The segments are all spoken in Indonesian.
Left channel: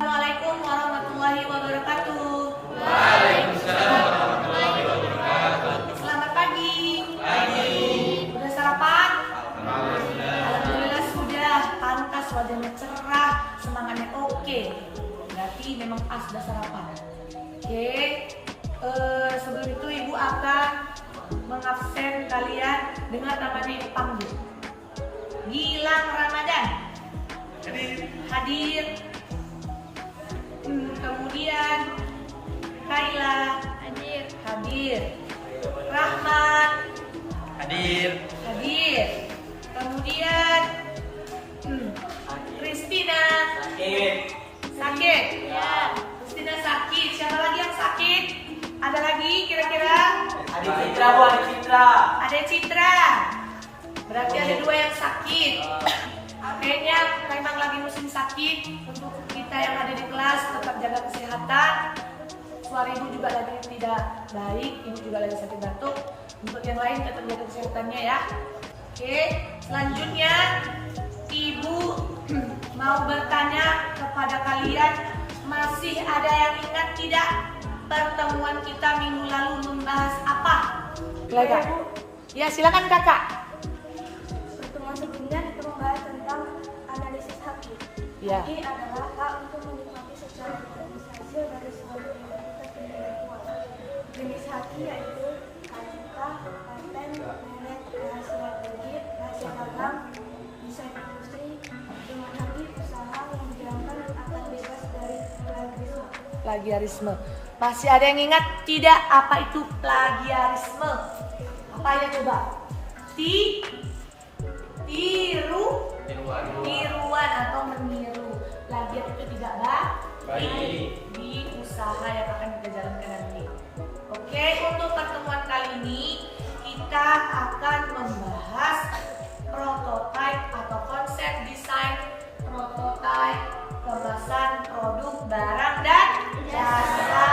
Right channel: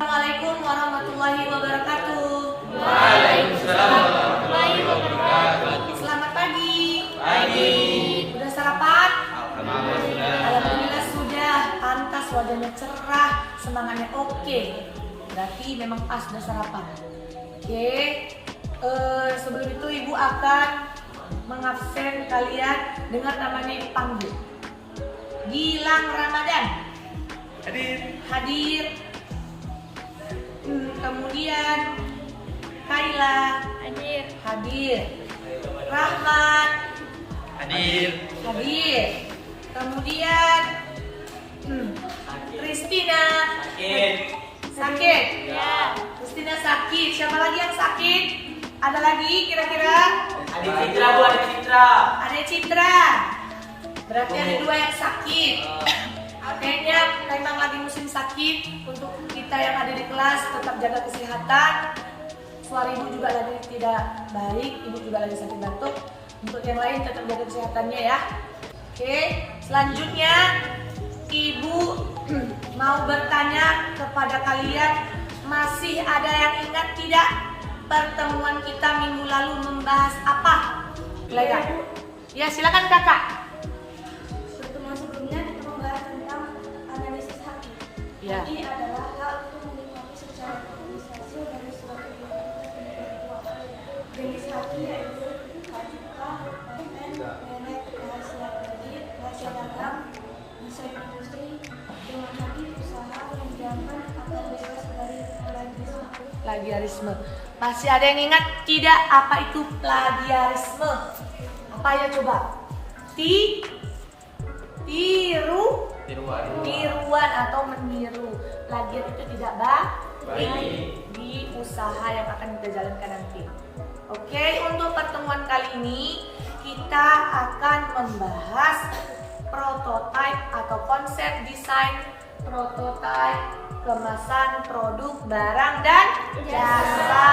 Assalamualaikum warahmatullahi wabarakatuh. Waalaikumsalam warahmatullahi wabarakatuh. Selamat pagi. Pagi. Udah sarapan? Sudah. Alhamdulillah sudah. Pantas, wajahnya cerah, semangatnya oke. Berarti memang pas udah sarapan. Oke. Sebelum itu ibu akan mengabsen kalian dengan namanya ibu panggil. Gilang Ramadan. Hadir. Kemudian Kaila hadir. Rahmat Hadir. hadir. Kemudian Kristina sakit. Kristina sakit. Siapa lagi yang sakit? Ada lagi kira-kira? Adik Citra, Bu. Adik Citra. Ada Citra. Berarti ada 2 yang sakit. Kayaknya memang lagi musim sakit. Untuk kita yang ada di kelas tetap jaga kesehatan. Suara ibu juga lagi tidak baik, ibu juga lagi sakit batuk. Untuk yang lain tetap jaga kesehatannya ya. Oke, selanjutnya ibu mau bertanya kepada kalian, masih ada yang ingat tidak pertemuan kita minggu lalu membahas apa? Iya, Bu. Ya, silakan kakak. Pertemuan sebelumnya kita membahas tentang analisis haki. Ya. Haki adalah hak untuk menikmati secara organisasi dari suatu entitas intelektual. Jenis haki yaitu hak cipta, paten, merek, rahasia kredit, rahasia dagang, desain industri. Dengan haki usaha menjalankan akan bebas dari plagiarisme. Plagiarisme. Masih ada yang ingat tidak apa itu plagiarisme? Apa ya coba? Tiruan atau meniru. Plagiat itu tidak baik di usaha yang akan kita jalankan nanti. Oke, untuk pertemuan kali ini kita akan membahas prototype atau konsep desain prototype kemasan produk barang dan jasa.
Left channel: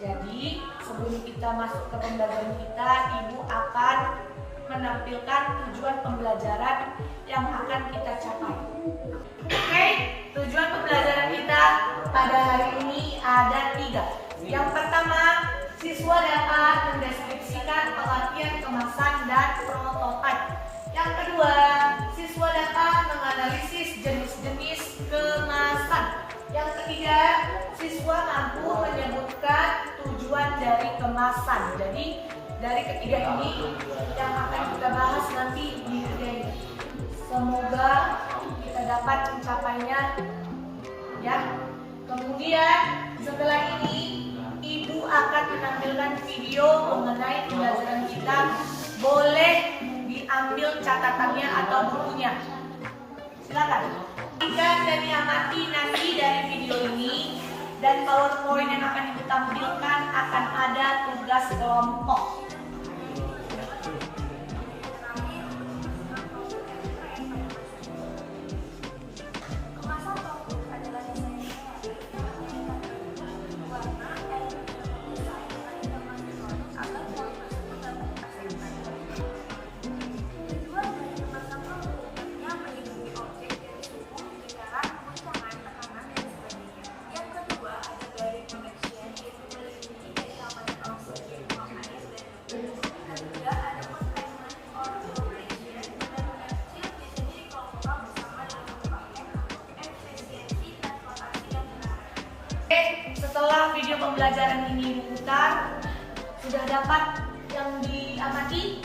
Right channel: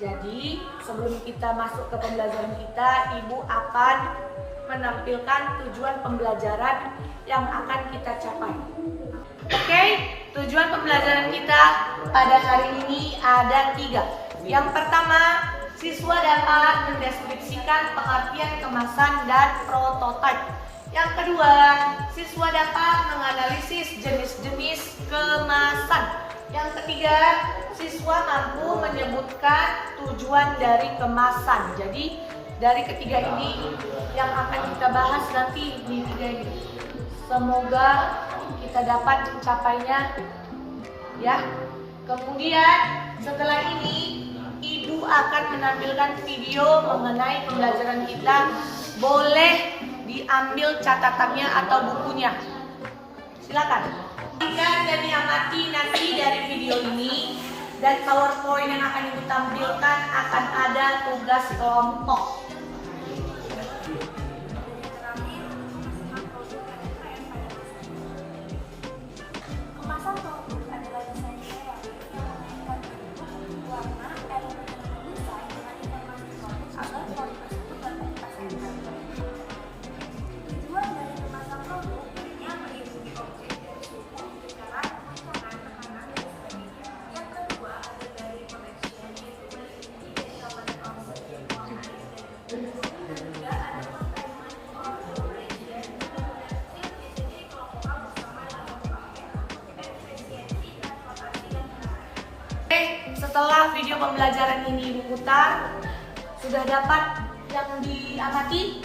Jadi sebelum kita masuk ke pembelajaran kita, ibu akan menampilkan tujuan pembelajaran yang akan kita capai. Oke, tujuan pembelajaran kita pada hari ini ada 3. Yang pertama, siswa dapat mendeskripsikan pengertian kemasan dan prototipe. Yang kedua, siswa dapat menganalisis jenis-jenis kemasan. Yang ketiga, siswa mampu menyebutkan tujuan dari kemasan. Jadi dari ketiga ini yang akan kita bahas nanti di video ini. Semoga kita dapat mencapainya ya. Kemudian setelah ini ibu akan menampilkan video mengenai pembelajaran kita. Boleh diambil catatannya atau bukunya. Silakan. Perhatikan dan diamati nanti dari video ini, dan PowerPoint yang akan ibu tampilkan akan ada tugas kelompok. Setelah video pembelajaran ini diputar, sudah dapat yang diamati?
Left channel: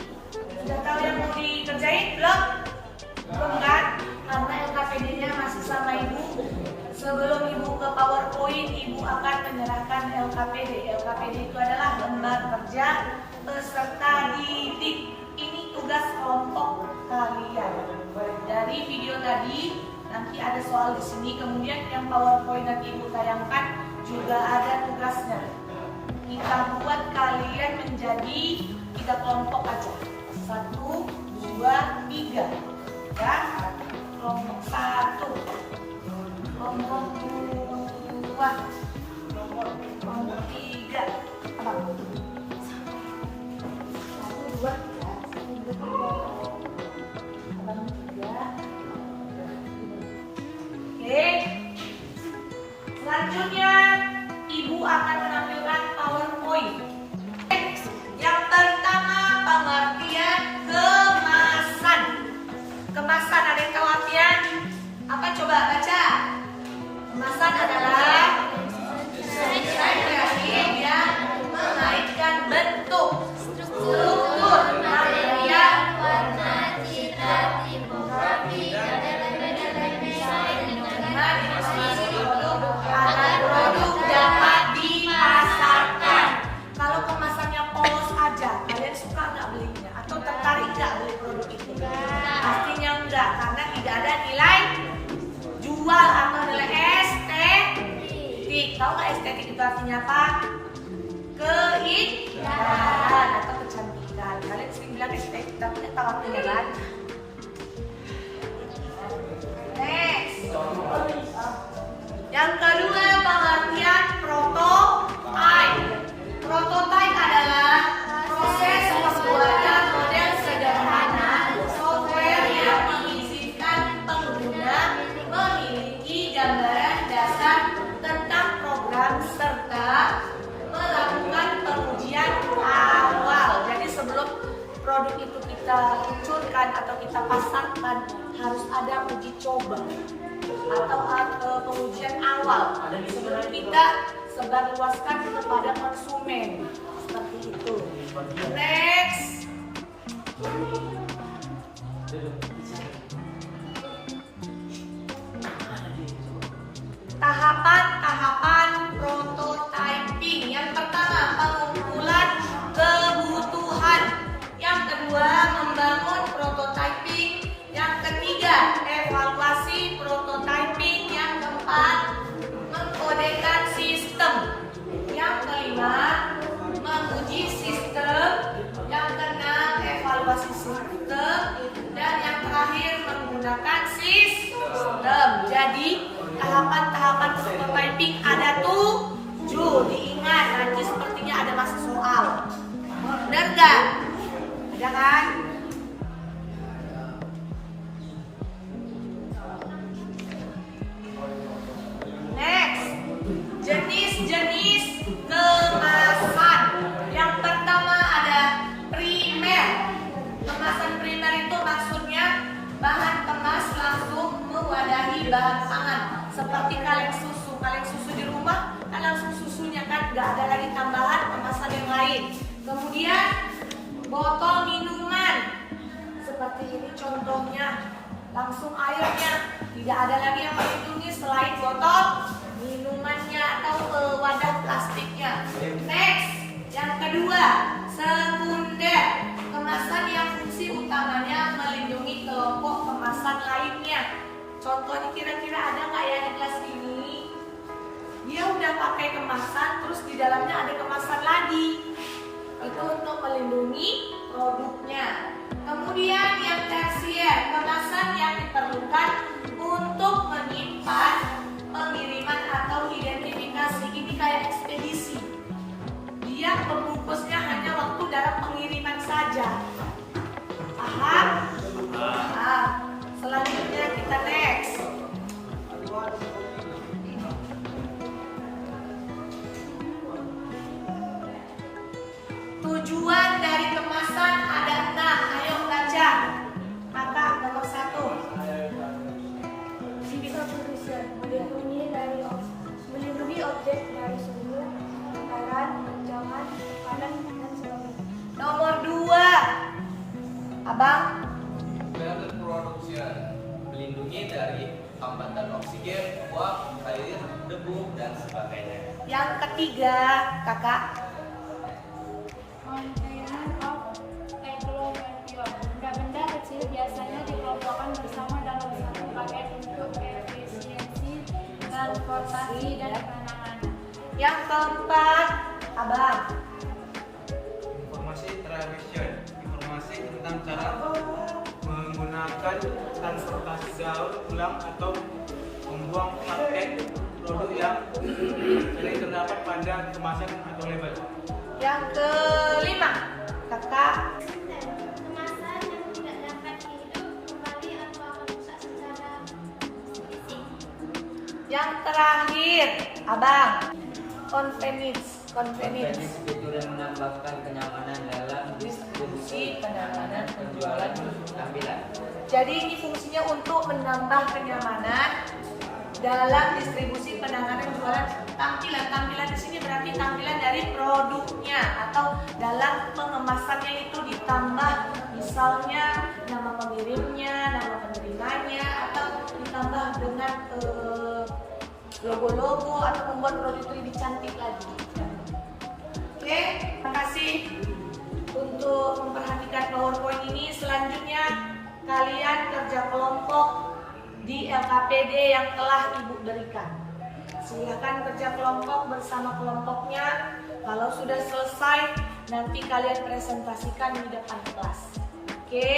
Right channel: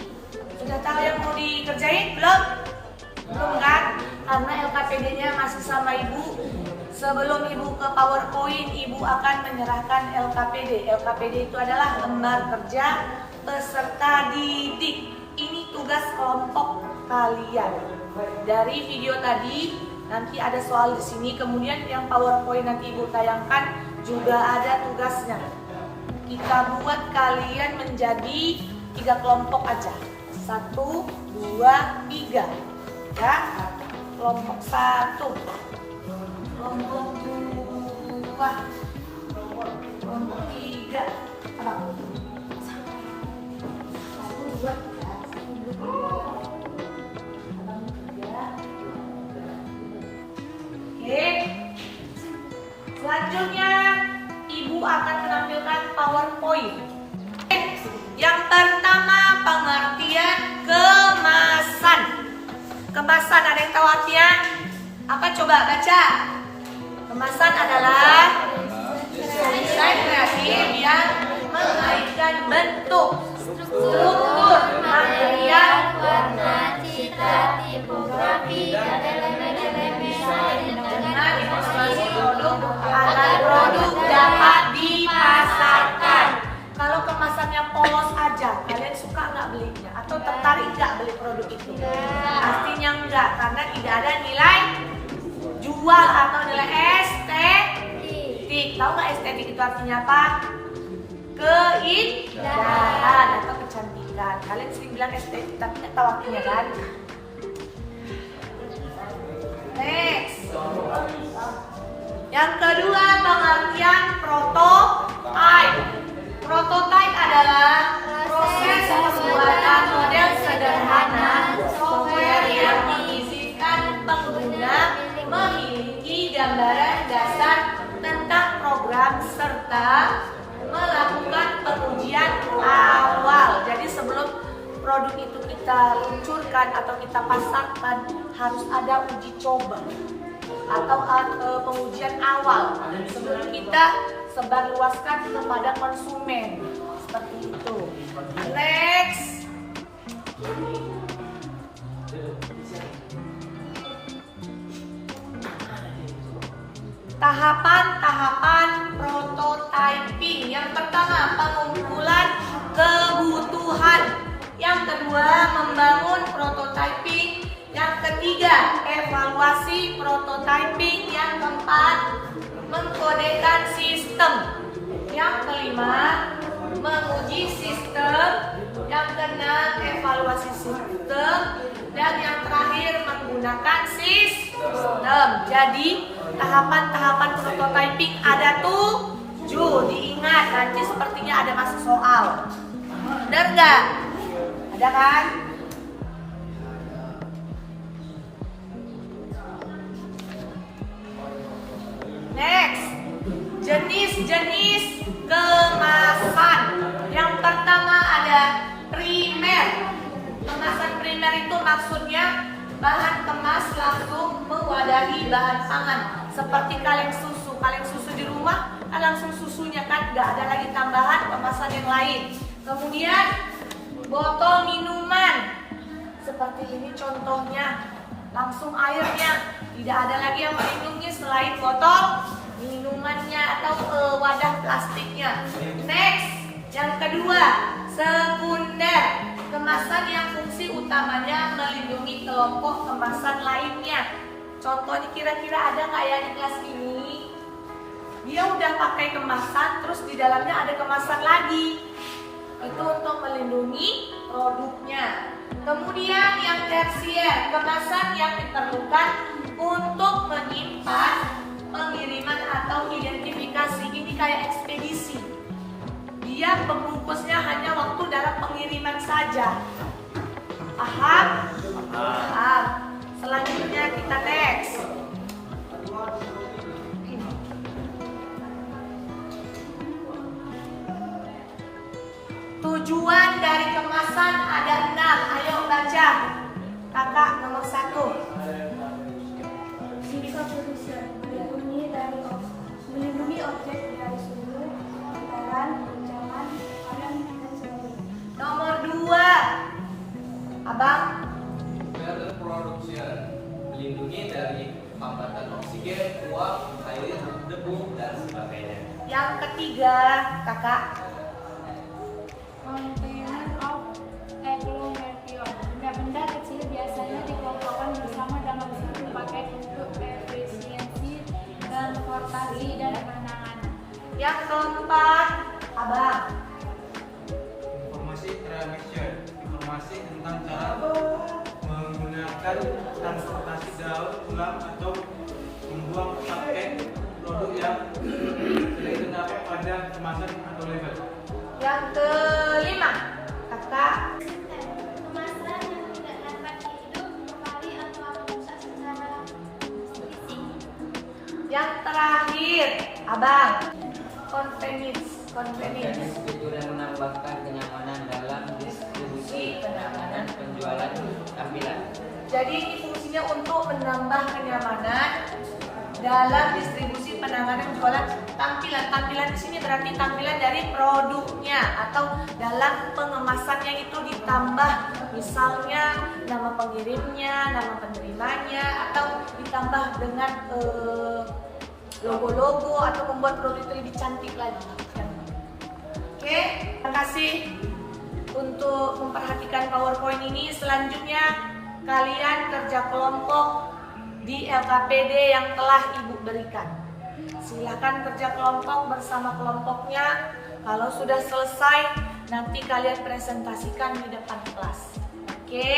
Sudah tahu yang mau dikerjain? Belum? Belum kan? Karena LKPD-nya masih sama ibu. Sebelum ibu ke PowerPoint, ibu akan menyerahkan LKPD. LKPD itu adalah lembar kerja peserta didik. Ini tugas kelompok kalian. Dari video tadi nanti ada soal di sini, kemudian yang PowerPoint nanti ibu tayangkan juga ada tugasnya. Kita buat kalian menjadi 3 kelompok aja. 1, 2, 3 ya. Kelompok 1, kelompok 2, kelompok 3. Apa? 1, 2, 3. Oke. poin. Yang pertama, pengertian kemasan. Kemasan, ada yang tahu artinya? Apa, coba baca. Kemasan adalah desain kreatif yang mengaitkan bentuk, struktur, material, warna, citra, tipografi, dengan informasi produk agar produk dapat dipasarkan. Kalau kemasannya polos aja, kalian suka nggak belinya? Atau tertarik nggak beli produk itu? Pastinya enggak, karena tidak ada nilai jual atau nilai estetik. Tahu nggak estetik itu artinya apa? Keindahan atau kecantikan. Kalian sering bilang estetik, tapi nggak tahu artinya kan? Next. Yang kedua, pengertian prototype. Prototype adalah proses pembuatan model sederhana software yang mengizinkan pengguna memiliki gambaran dasar tentang program serta melakukan pengujian awal. Jadi sebelum produk itu kita luncurkan atau kita pasarkan, harus ada uji coba atau pengujian awal sebelum kita sebarluaskan kepada konsumen. Seperti itu. Next. Tahapan-tahapan prototyping. Yang pertama, pengumpulan kebutuhan. Yang kedua, membangun prototyping. Yang ketiga, evaluasi prototyping. Yang keempat, mengkodekan sistem. Yang kelima, menguji sistem. Yang keenam, evaluasi sistem. Dan yang terakhir, menggunakan sistem. Jadi tahapan-tahapan prototyping ada 7. Diingat, nanti sepertinya ada masuk soal. Benar nggak? Ada kan? Next, jenis-jenis kemasan. Yang pertama ada primer. Kemasan primer itu maksudnya bahan kemas langsung mewadahi bahan pangan. Seperti kaleng susu. Kaleng susu di rumah kan langsung susunya kan, nggak ada lagi tambahan kemasan yang lain. Kemudian botol minuman. Seperti ini contohnya. Langsung airnya, tidak ada lagi yang melindungi selain botol minumannya atau wadah plastiknya. Next, yang kedua, sekunder. Kemasan yang fungsi utamanya melindungi kelompok kemasan lainnya. Contohnya kira-kira ada nggak ya di kelas ini? Dia udah pakai kemasan, terus di dalamnya ada kemasan lagi. Itu untuk melindungi produknya. Kemudian yang tersier, kemasan yang diperlukan untuk menyimpan pengiriman atau identifikasi. Ini kayak ekspedisi. Dia pembungkusnya hanya waktu dalam pengiriman saja. Paham? Paham. Selanjutnya kita next. Tujuan dari kemasan ada 6. Ayo baca. Kakak nomor 1. Sifat produsen melindungi objek dari sumber, kebakaran, guncangan, tekanan, dan sebagainya. Nomor 2. Abang. Production melindungi dari hambatan oksigen, uap, air, debu, dan sebagainya. Yang ketiga, kakak. Containment of agglomeration. Benda-benda kecil biasanya dikelompokkan bersama dalam satu paket untuk efisiensi transportasi dan penanganan. Yang keempat, abang. Informasi tradition, informasi tentang cara menggunakan transportasi daur ulang atau membuang paket produk yang sering terdapat pada kemasan atau label. Yang kelima, kakak. Kemasan yang tidak dapat dihidup kembali atau akan rusak secara fisik. Yang terakhir, abang. Convenience. Convenience. fitur yang menambahkan kenyamanan dalam distribusi, penanganan, penjualan, tampilan. Jadi ini fungsinya untuk menambah kenyamanan dalam distribusi, penanganan, jualan, tampilan. Tampilan di sini berarti tampilan dari produknya atau dalam pengemasannya itu ditambah misalnya nama pengirimnya, nama penerimanya, atau ditambah dengan logo-logo atau membuat produk itu lebih cantik lagi. Oke, terima kasih untuk memperhatikan PowerPoint ini. Selanjutnya kalian kerja kelompok di LKPD yang telah Ibu berikan. Silahkan kerja kelompok bersama kelompoknya. Kalau sudah selesai, nanti kalian presentasikan di depan kelas. Oke?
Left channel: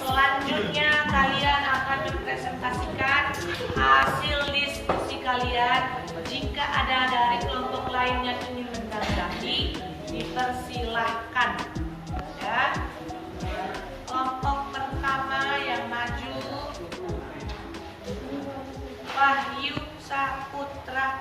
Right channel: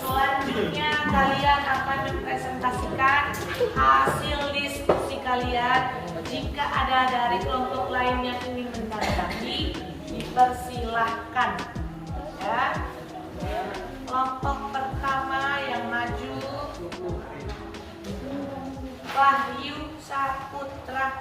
Selanjutnya kalian akan mempresentasikan hasil diskusi kalian. Jika ada dari kelompok lain yang ingin menanggapi, dipersilahkan. Ya. Kelompok pertama yang maju, Wahyu Saputra.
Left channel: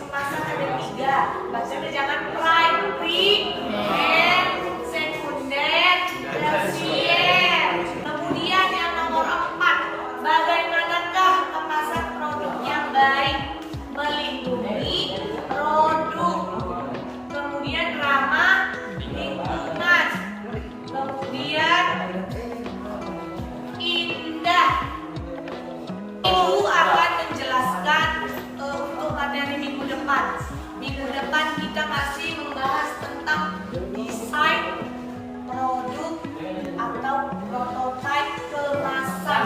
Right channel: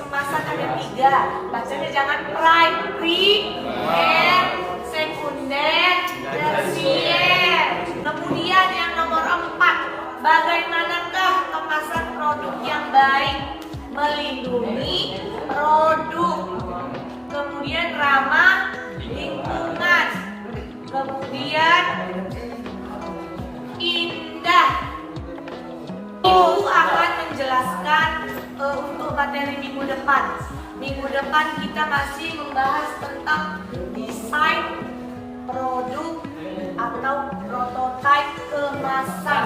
kemasan ada 3. Bacanya jangan primer, sekunder, tersier. Kemudian yang nomor 4, bagaimanakah kemasan produk yang baik? Melindungi produk, kemudian ramah lingkungan, kemudian indah. Ibu akan menjelaskan untuk materi minggu depan. Minggu depan kita masih membahas tentang desain produk atau prototipe kemasan.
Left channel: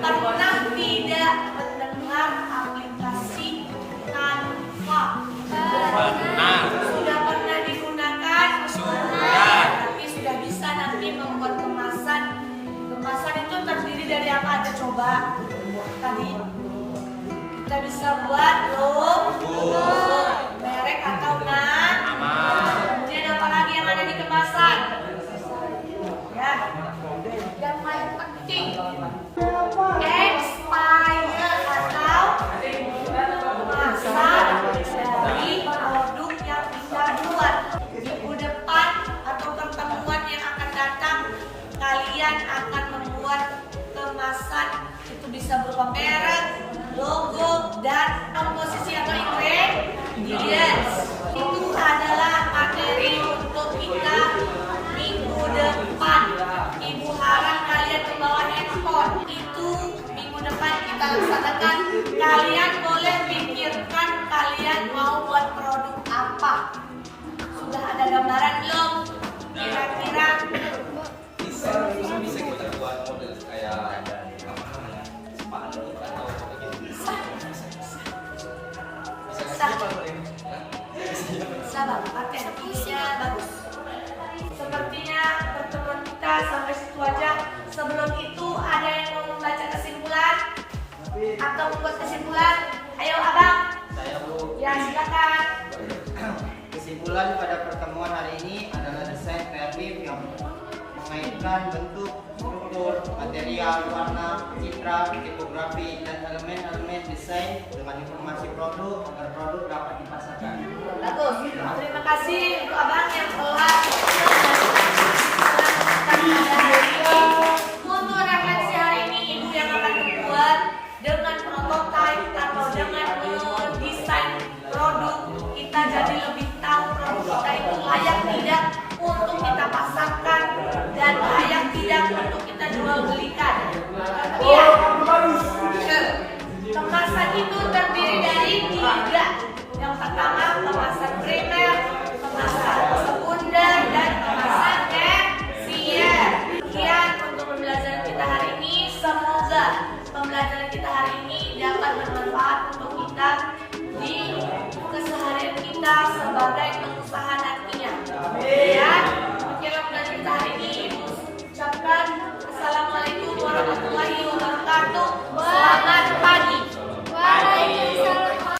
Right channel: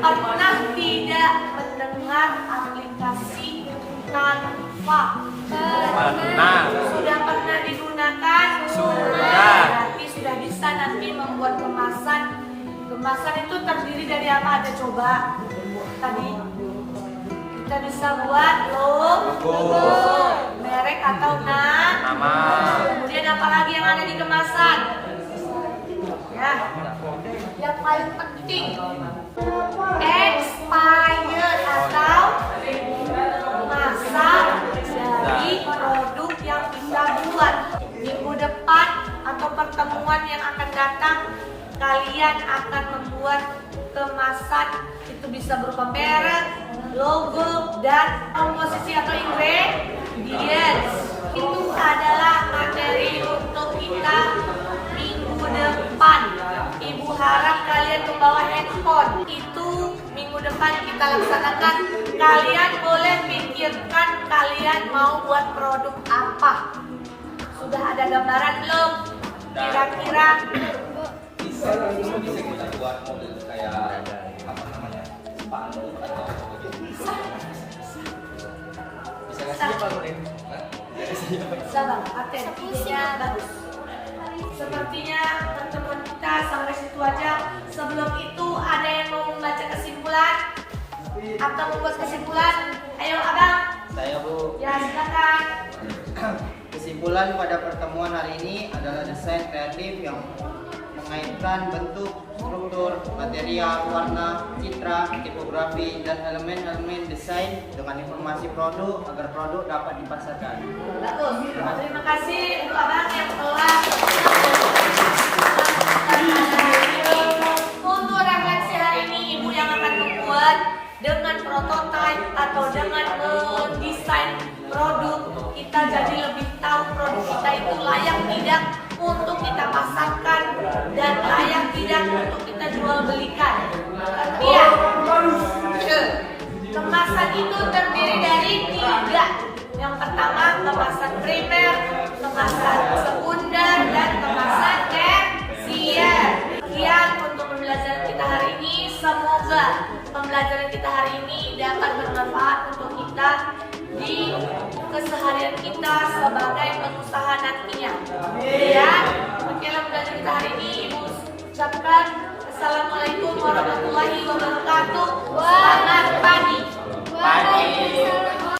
Pernah tidak mendengar aplikasi Canva? Benar. Sudah pernah digunakan? Sudah. Berarti sudah bisa nanti membuat kemasan. Kemasan itu terdiri dari apa aja coba? Tadi kita bisa buat logo, merek atau nama. Kemudian apa lagi yang ada di kemasan? Ya, yang paling penting expired atau masa dari produk yang kita buat. Minggu depan atau pertemuan yang akan datang, kalian akan membuat kemasan. Itu bisa berupa merek, logo, dan komposisi atau ingredients. Itu adalah materi untuk kita minggu depan. Ibu harap kalian membawa handphone. Itu minggu depan kita laksanakan. Kalian boleh pikirkan kalian mau buat produk apa. Sudah ada gambaran belum? Kira-kira Bisa kita buat model kayak apa namanya, spanduk atau begitu. Bisa Bang, paten, idenya bagus. Sepertinya pertemuan kita sampai situ aja. Sebelum itu ada yang mau membaca kesimpulan atau membuat kesimpulan? Ayo abang. Saya Bu. Ya silakan. Kesimpulan pada pertemuan hari ini adalah desain kreatif yang mengaitkan bentuk, struktur, material, warna, citra, tipografi, dan elemen-elemen desain dengan informasi produk agar produk dapat dipasarkan. Bagus. Terima kasih untuk abang yang telah untuk refleksi hari ini, ibu yang akan membuat dengan prototipe atau dengan mendesain produk, kita jadi lebih tahu produk kita itu layak tidak untuk kita pasarkan dan layak tidak untuk kita jual belikan. Kemudian kemasan itu terdiri dari 3. Yang pertama kemasan primer, kemasan sekunder, dan kemasan tersier. Sekian untuk pembelajaran kita hari ini. Semoga pembelajaran kita hari ini dapat bermanfaat untuk kita di keseharian kita sebagai pengusaha nantinya. Dan demikianlah pembelajaran kita hari ini. Ibu ucapkan Assalamualaikum warahmatullahi wabarakatuh.